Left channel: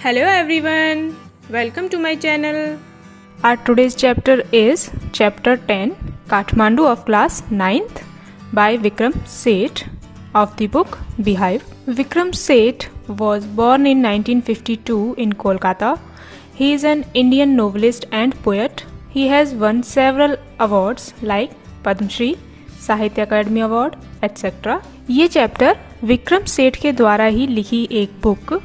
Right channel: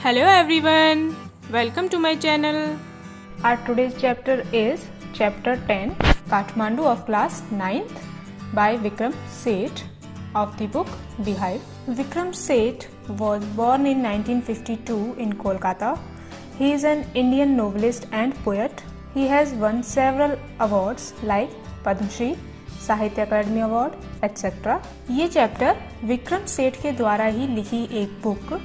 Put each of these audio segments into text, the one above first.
Hello everyone, welcome to my channel. Our today's chapter is chapter 10, Kathmandu of class 9th by Vikram Seth of the book Beehive. Vikram Seth was born in 1952 in Kolkata. He is an Indian novelist and poet. He has won several awards like Padma Shri, साहित्य अकादमी award etcetera. ये chapter Vikram Seth के द्वारा ही लिखी एक book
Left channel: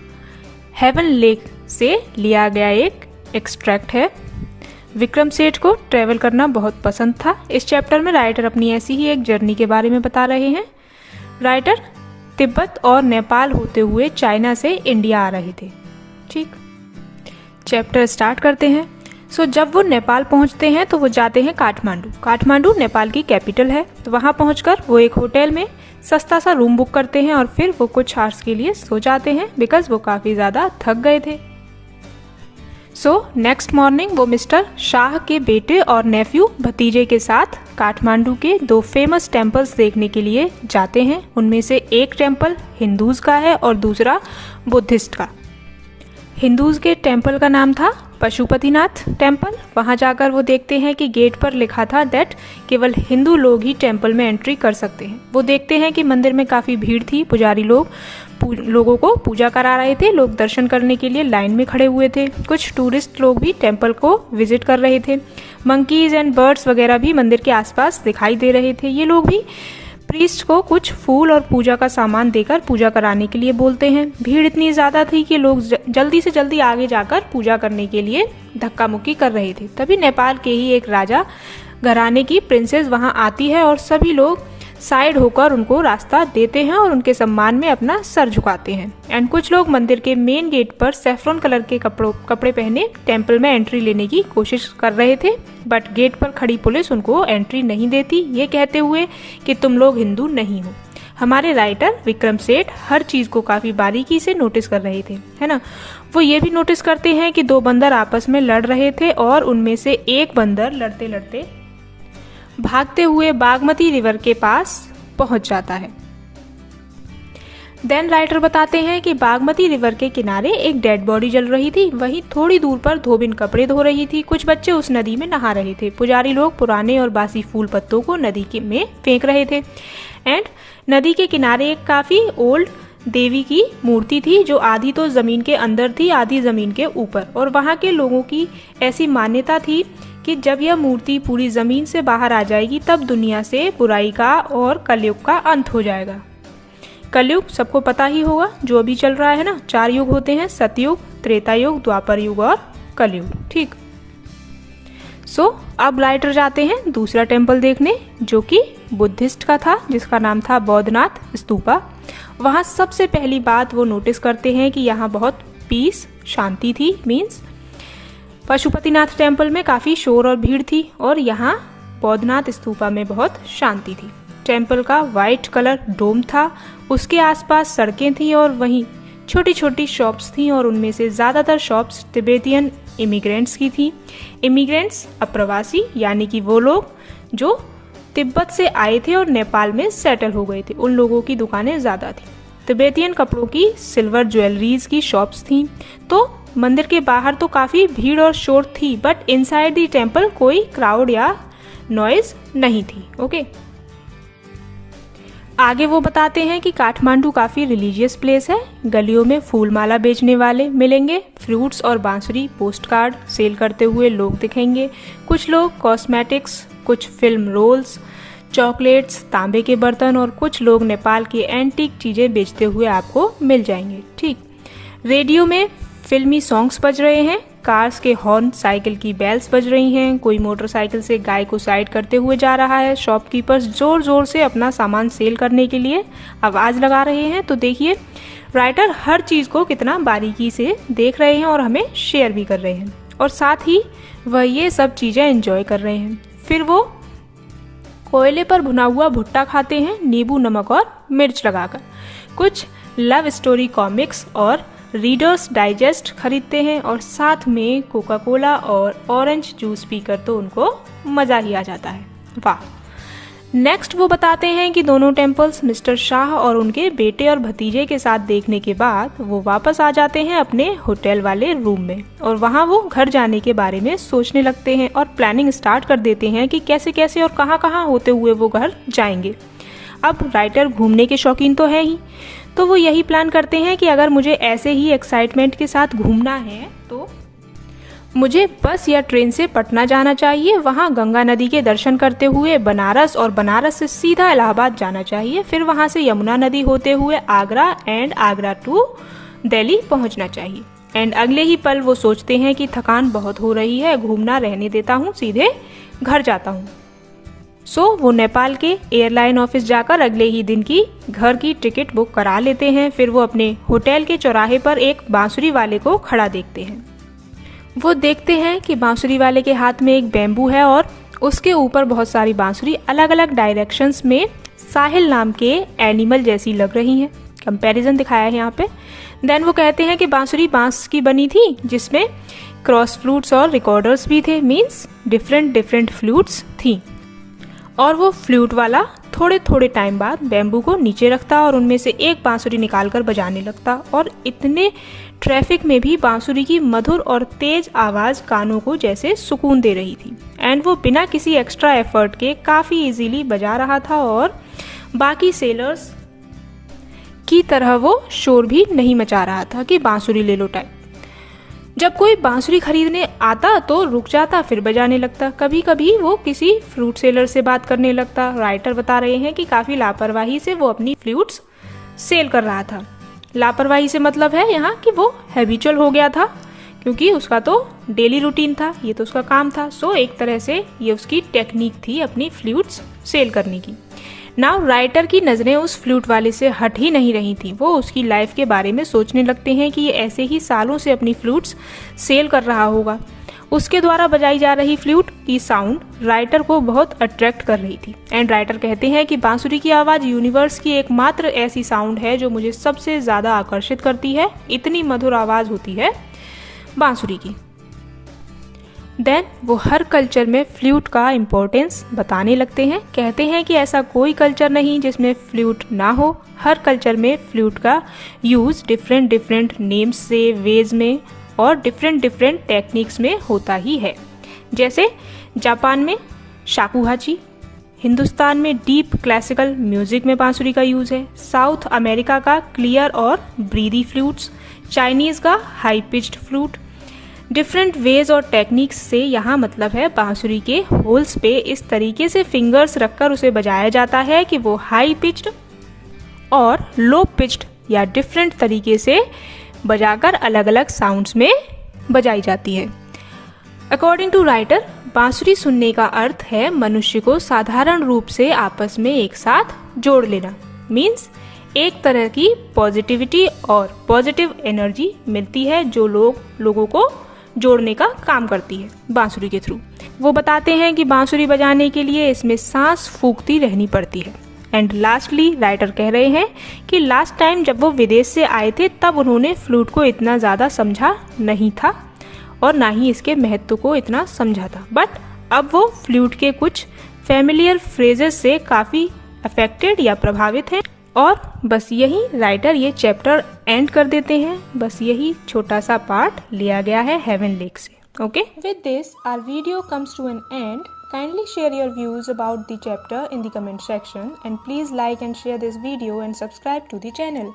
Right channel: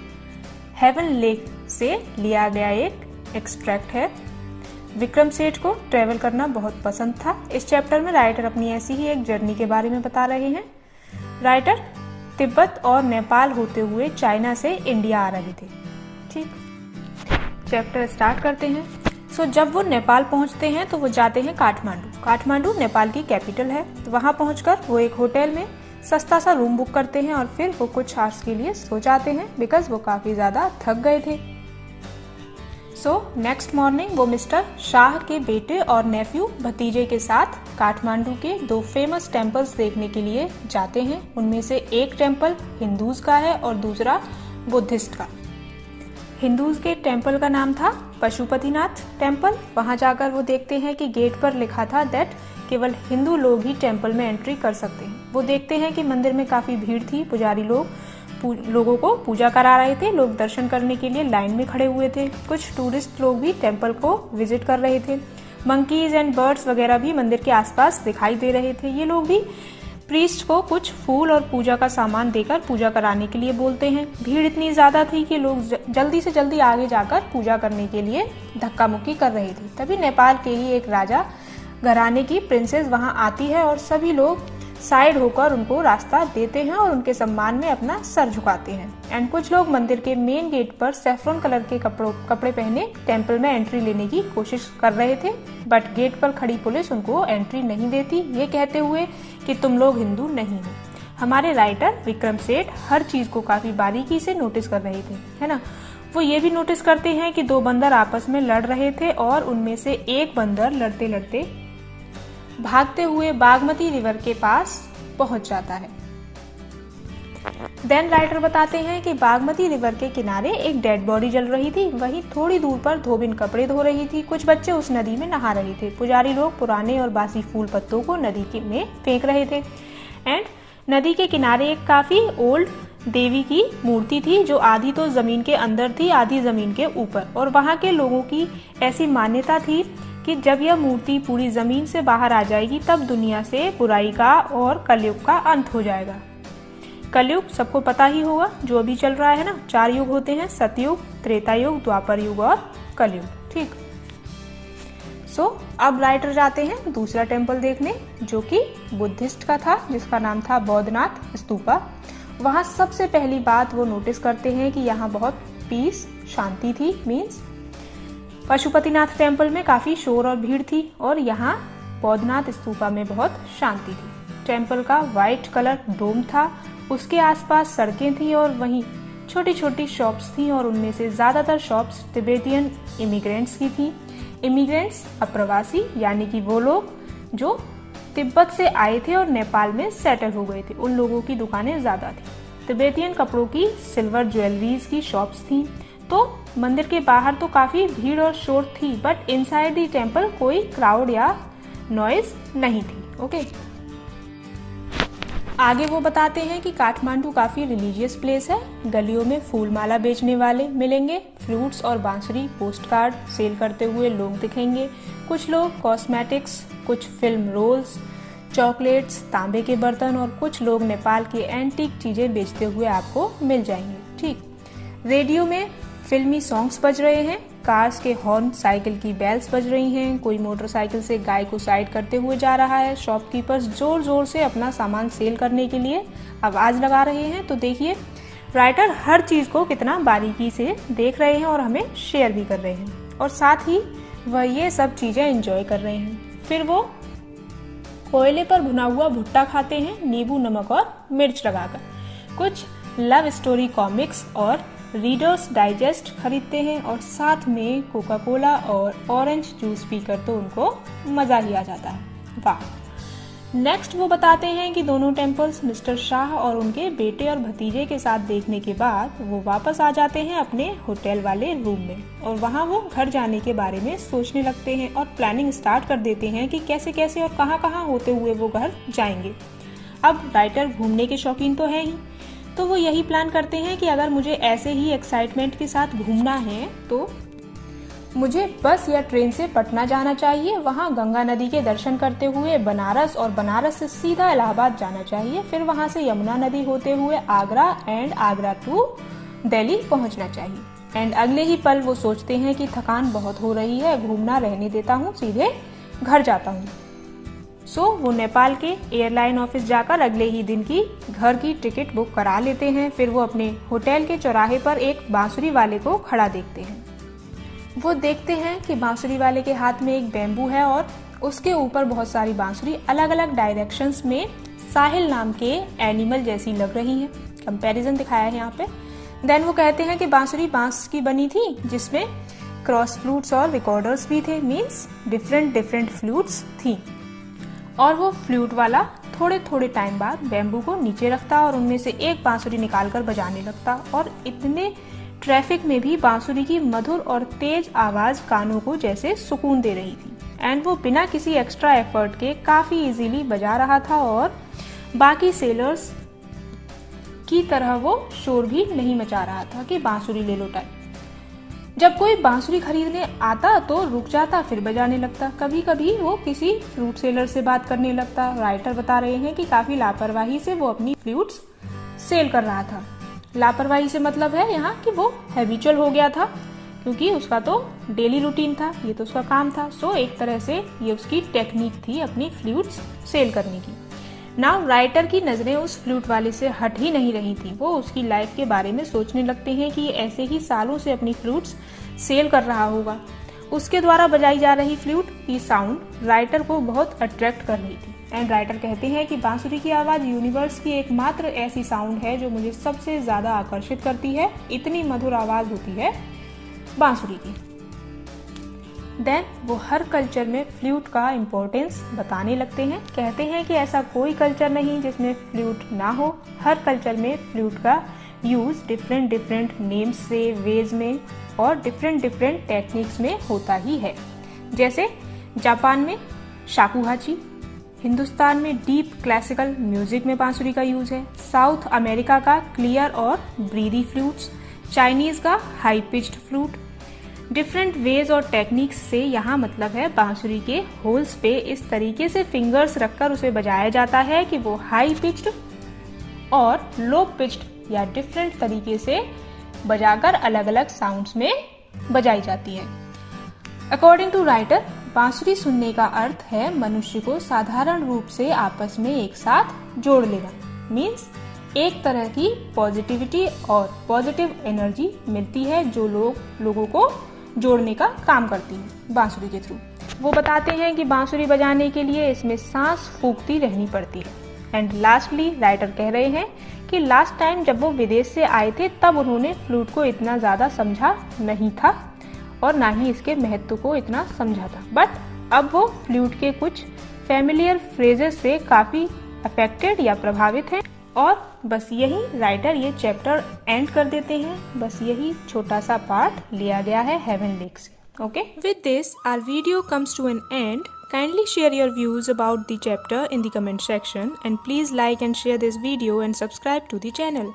haven lake से लिया गया एक एक्सट्रैक्ट है। विक्रम सेठ को ट्रैवल करना बहुत पसंद था। इस चैप्टर में राइटर अपनी ऐसी ही एक जर्नी के बारे में बता रहे हैं। राइटर तिब्बत और नेपाल होते हुए चाइना से इंडिया आ रहे थे। ठीक, चैप्टर स्टार्ट करते हैं। जब वो नेपाल पहुंचते हैं तो वो जाते हैं काठमांडू। काठमांडू नेपाल की कैपिटल है। तो वहाँ पहुंचकर वो एक होटल में सस्ता सा रूम बुक करते हैं और फिर वो कुछ आवर्स के लिए सो जाते हैं बिकॉज वो काफ़ी ज़्यादा थक गए थे। नेक्स्ट मॉर्निंग वो मिस्टर शाह के बेटे और नेफ्यू भतीजे के साथ काठमांडू के दो फेमस टेम्पल्स देखने के लिए जाते हैं। उनमें से एक टेम्पल हिंदूज का है और दूसरा बुद्धिस्ट का। हिंदूज के टेम्पल का नाम था पशुपतिनाथ टेम्पल। वहां जाकर वो देखते हैं कि गेट पर लिखा था दैट केवल हिंदू लोग ही टेम्पल में एंट्री कर सकते हैं। वो देखते हैं कि मंदिर में काफ़ी भीड़ थी। पुजारी लोगों को पूजा करा रहे थे। लोग दर्शन करने के लिए लाइन में खड़े हुए थे। कुछ टूरिस्ट लोग भी टेम्पल को विजिट कर रहे थे। मंकीज एंड बर्ड्स वगैरह भी मंदिर के आसपास दिखाई दे रहे थे। ये लोग भी प्रीस्ट को कुछ फूल और पूजा का सामान देकर पूजा कराने के लिए बोलते हैं। भीड़ इतनी ज़्यादा थी कि लोग जल्दी से जल्दी आगे जाकर पूजा करने के लिए धक्का मुक्की कर रहे थे। तभी नेपाल के ही एक राजा घराने की प्रिंसेस वहां आती है और सभी लोग साइड होकर उनको रास्ता देते हैं और उनके सम्मान में अपना सर झुकाते हैं। एंड कुछ लोग मंदिर के मेन गेट पर सैफरन कलर के कपड़े पहने टेम्पल में एंट्री लेने की कोशिश कर रहे थे, बट गेट पर खड़ी पुलिस उनको एंट्री नहीं देती, ये कहते हुए कि तुम लोग हिंदू नहीं हो। हमारे राइटर विक्रम सेठ हर चीज को काफी बारीकी से नोटिस कर रहे थे, है ना। वो ये भी नोटिस करते हैं कि दो बंदर आपस में लड़ रहे थे और उनमें से एक बंदर लड़ते लड़ते भागते हुए बागमती रिवर के पास पहुंच जाता है। देन राइटर बताते हैं कि बागमती रिवर के किनारे एक डेड बॉडी जल रही थी। वहीं थोड़ी दूर पर धोबिन कपड़े धो रही थी। कुछ बच्चे उस नदी में नहा रहे थे। पुजारी लोग पुराने और बासी फूल पत्तों को नदी में फेंक रहे थे। एंड नदी के किनारे एक काफी ओल्ड देवी की मूर्ति थी जो आधी तो जमीन के अंदर थी, आधी जमीन के ऊपर। और वहाँ के लोगों की ऐसी मान्यता थी कि जब यह मूर्ति पूरी जमीन से बाहर आ जाएगी तब दुनिया से बुराई का और कलयुग का अंत हो जाएगा। कलयुग सबको पता ही होगा, जो अभी चल रहा है ना। 4 युग होते हैं, सतयुग, त्रेता युग, द्वापर युग और कलयुग। ठीक। अब राइटर जाते हैं दूसरा टेम्पल देखने जो कि बुद्धिस्ट का था, जिसका नाम था बौद्धनाथ स्तूपा। वहाँ सबसे पहली बात वो नोटिस करते हैं कि यहाँ बहुत पीस, शांति थी। मीन्स पशुपतिनाथ टेम्पल में काफ़ी शोर और भीड़ थी और यहाँ बौद्धनाथ स्तूपा में बहुत शांति थी। टेम्पल का वाइट कलर डोम था, उसके आसपास सड़कें थी और वहीं छोटी छोटी शॉप्स थी और उनमें से ज़्यादातर शॉप्स तिब्बतियन इमिग्रेंट्स की थी। इमिग्रेंट्स अप्रवासी, यानी कि वो लोग जो तिब्बत से आए थे और नेपाल में सेटल हो गए थे, उन लोगों की दुकानें ज़्यादा थी। तिब्बतियन कपड़ों की, सिल्वर ज्वेलरीज की शॉप्स थी। तो मंदिर के बाहर तो काफ़ी भीड़ और शोर थी, बट इनसाइड दी टेम्पल कोई क्राउड या नॉइज नहीं थी। ओके। आगे वो बताते हैं कि काठमांडू काफ़ी रिलीजियस प्लेस है। गलियों में फूल माला बेचने वाले मिलेंगे, फ्रूट्स और बांसुरी पोस्ट कार्ड सेल करते हुए लोग दिखेंगे। कुछ लोग कॉस्मेटिक्स, कुछ फिल्म रोल्स, चॉकलेट्स, तांबे के बर्तन और कुछ लोग नेपाल की एंटीक चीज़ें बेचते हुए आपको मिल जाएंगे। ठीक। रेडियो में फिल्मी सॉन्ग्स बज रहे हैं, कार्स के हॉर्न, साइकिल की बेल्स बज रही हैं। कोई मोटरसाइकिल से गाय को साइड करते हुए जा रहा है। शॉपकीपर्स जोर जोर से अपना सामान सेल करने के लिए आवाज़ लगा रहे हैं। तो देखिए राइटर हर चीज़ को कितना बारीकी से देख रहे हैं और हमें शेयर भी कर रहे हैं, और साथ ही वह ये सब चीज़ें एंजॉय कर रहे हैं। फिर वो कोयले पर भुना हुआ भुट्टा खाते हैं, नींबू, नमक और मिर्च लगाकर। कुछ लव स्टोरी कॉमिक्स और रीडर्स डाइजेस्ट खरीदते हैं और साथ में कोका कोला और ऑरेंज जूस पीकर तो उनको मज़ा ही आ जाता है। वाह। नेक्स्ट वो बताते हैं कि दोनों टेम्पल्स मिस्टर शाह और उनके बेटे और भतीजे के साथ देखने के बाद वो वापस आ जाते हैं अपने होटल वाले रूम में और वहाँ वो घर जाने के बारे में सोचने लगते हैं और प्लानिंग स्टार्ट कर देते हैं कि कैसे कैसे और कहाँ कहाँ होते हुए वो घर जाएंगे। अब राइटर घूमने के शौकीन तो है ही, तो वो यही प्लान करते हैं कि अगर मुझे ऐसे ही एक्साइटमेंट के साथ घूमना है तो मुझे बस या ट्रेन से पटना जाना चाहिए, वहाँ गंगा नदी के दर्शन करते हुए बनारस और बनारस से सीधा इलाहाबाद जाना चाहिए, फिर वहाँ से यमुना नदी होते हुए आगरा एंड आगरा टू दिल्ली पहुँचना चाहिए। एंड अगले ही पल वो सोचते हैं कि थकान बहुत हो रही है, घूमना रहने देता हूँ, सीधे घर जाता हूँ। सो वो नेपाल के एयरलाइन ऑफिस जाकर अगले ही दिन की घर की टिकट बुक करा लेते हैं। फिर वो अपने होटल के चौराहे पर एक बांसुरी वाले को खड़ा देखते हैं। वो देखते हैं कि बांसुरी वाले के हाथ में एक बैम्बू है और उसके ऊपर बहुत सारी बांसुरी अलग अलग डायरेक्शंस में साहिल नाम के एनिमल जैसी लग रही हैं। कंपैरिजन दिखाया है यहाँ पे। देन वो कहते हैं कि बांसुरी बांस की बनी थी जिसमें क्रॉस फ्लूट्स और रिकॉर्डर्स भी थे, मीन्स डिफरेंट फ्लूट्स थी। और वो फ्लूट वाला थोड़े थोड़े टाइम बाद बैम्बू को नीचे रखता और उनमें से एक बांसुरी निकालकर बजाने लगता और इतने ट्रैफिक में भी बांसुरी की मधुर और तेज आवाज कानों को जैसे सुकून दे रही थी। एंड वो बिना किसी एक्स्ट्रा एफर्ट के काफी इजीली बजा रहा था और बाकी सेलर्स की तरह वो शोर भी नहीं मचा रहा था कि बांसुरी ले लो टाइप। जब कोई बांसुरी खरीदने आता तो रुक जाता, फिर बजाने लगता। कभी कभी वो किसी फ्लूट सेलर से बात करने लगता। राइटर बता रहे हैं कि काफी लापरवाही से वो अपनी फ्लूट्स सेल कर रहा था। लापरवाही से मतलब है यहाँ कि वो हैबिचुअल हो गया था, क्योंकि उसका तो डेली रूटीन था, ये तो उसका काम था। सो एक तरह से ये उसकी टेक्निक थी अपनी फ्लूट्स सेल करने की। नाउ राइटर की नज़रें उस फ्लूट वाले से हट ही नहीं रही थी। वो उसकी लाइफ के बारे में सोचने लगते हैं कि ये ऐसे ही सालों से अपनी फ्लूट्स सेल कर रहा होगा। उसके द्वारा बजाई जा रही फ्लूट की साउंड राइटर को बहुत अट्रैक्ट कर रही थी। एंड राइटर कहते हैं कि बांसुरी की आवाज़ यूनिवर्स की एकमात्र ऐसी साउंड है जो मुझे सबसे ज़्यादा आकर्षित करती है। इतनी मधुर आवाज़ होती है बांसुरी की। देन वो हर कल्चर में फ्लूट का इम्पोर्टेंस बताने लगते हैं। कहते हैं कि ऐसा कोई कल्चर नहीं जिसमें फ्लूट ना हो। हर कल्चर में फ्लूट का यूज़ डिफरेंट नेम्स से, वेज में और डिफरेंट टेक्निक्स में होता ही है। जैसे जापान में शाकुहाची, हिंदुस्तान में डीप क्लासिकल म्यूजिक में बांसुरी का यूज़ है, साउथ अमेरिका का क्लियर और ब्रीदी फ्लूट्स, चाइनीज़ का high pitched flute. Different ways और टेक्निक्स से यहाँ मतलब है बांसुरी के होल्स पे इस तरीके से फिंगर्स रखकर उसे बजाया जाता है कि वो हाई पिच्ड और लो पिच्ड या डिफरेंट तरीके से बजाकर अलग अलग साउंड्स में बजाई जाती है। अकॉर्डिंग टू राइटर, बांसुरी सुनने का अर्थ है मनुष्य को साधारण रूप से आपस में एक साथ जोड़ लेना। मीन्स एक तरह की पॉजिटिविटी और पॉजिटिव एनर्जी मिलती है जो लोगों को जोड़ने का काम करती है बांसुरी के थ्रू। वो बताते हैं कि बांसुरी बजाने के लिए इसमें सांस फूंकती रहनी पड़ती है। एंड लास्टली राइटर कह रहे हैं कि लास्ट टाइम जब वो विदेश से आए थे तब उन्होंने फ्लूट को इतना ज़्यादा समझा नहीं था और ना ही इसके महत्व को इतना समझा था। बट अब वो फ्लूट के कुछ फैमिलियर फ्रेजेस से काफ़ी अफेक्टेड या प्रभावित हैं। और बस यही राइटर ये चैप्टर एंड कर देते हैं। बस यही छोटा सा पार्ट लिया गया है हेवन लेक से। Okay, with this our video comes to an end. Kindly share your views about the chapter in the comment section and please like and share this video and subscribe to the channel.